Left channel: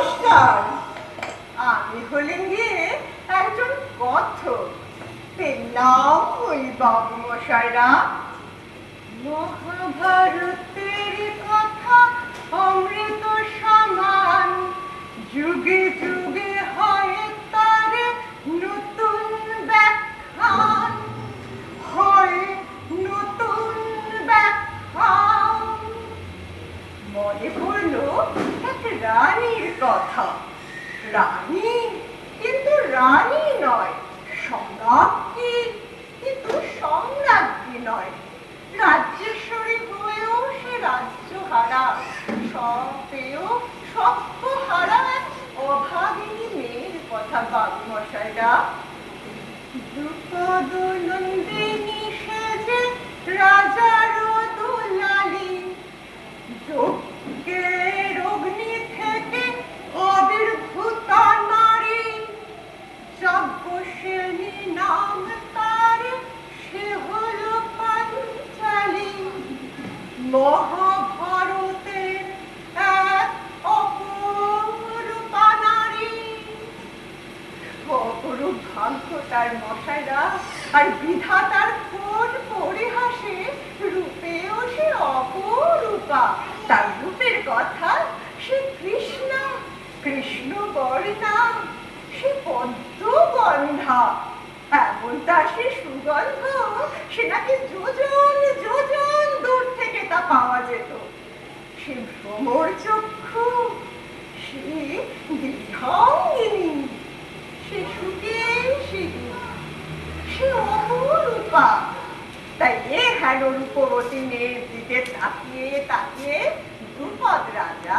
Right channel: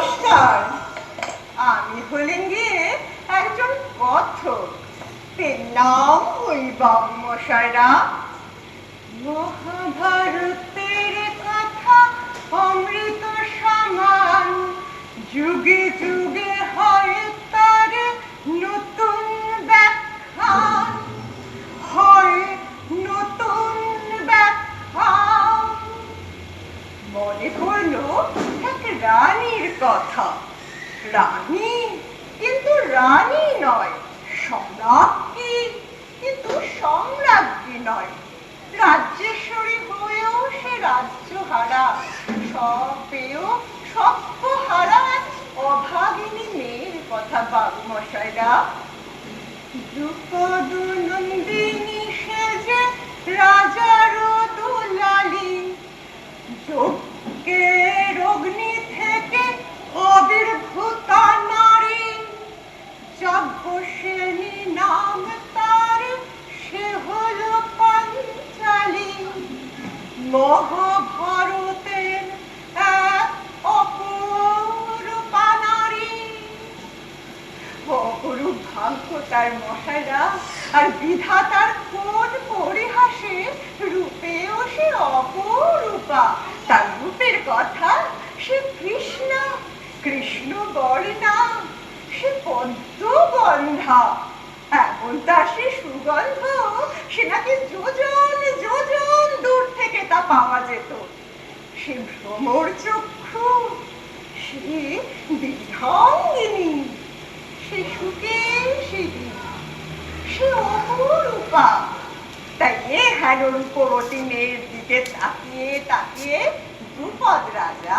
নমস্কার। আমি হলেন গিয়ে একজন কথক। এর নাম ওই বাবু মশাইরা। মহাভারতের কথা অমৃত সমান, যুগে যুগে হয় তার নতুন ব্যাখ্যান, হয় নতুন ব্যাখ্যান। মনে পড়ল এক রানীর কথা। রানী, কিন্তু রানী নয়, সম্রাজ্ঞী, কিন্তু সম্রাজ্ঞী নয়। রাজ্যেশ্বরী হয়েও সে রাজ্যহারা, সব পেয়েও সভ্যহারা এক অভাগিনী মেয়ের কথা বাবু মশাইরা। দ্রুপদ নন্দিনী সেজে রাজার দুলালি, যজ্ঞের অগ্নি থেকে আবির্ভূতা নারী, যাজ্ঞসেনী নাম তার, সে হল পাঞ্চালী। মহাভারতের এক অপরূপা নারী। অপরূপ ভাগ্য তার মশাইরা, আর বিধাতার কোন পরিহাসে রূপেও সে অপরূপা। তার রূপের কথা সে কৃষ্ণা, কৃষ্ণ বর্ণা, সে পদ্মগন্ধা। এমন তার সে সুগন্ধ, সে নাকি যোজন যোজন দূর থেকে তা পাওয়া যেত। সে ভ্রমর চক্ষু, সে বিহঙ্গিনী, সে সুকেশিনী, সে অপরূপা। তাই এ হেন রূপবতী মেয়ের দিকে তাকিয়ে তাকিয়ে দ্রুপদ রাজা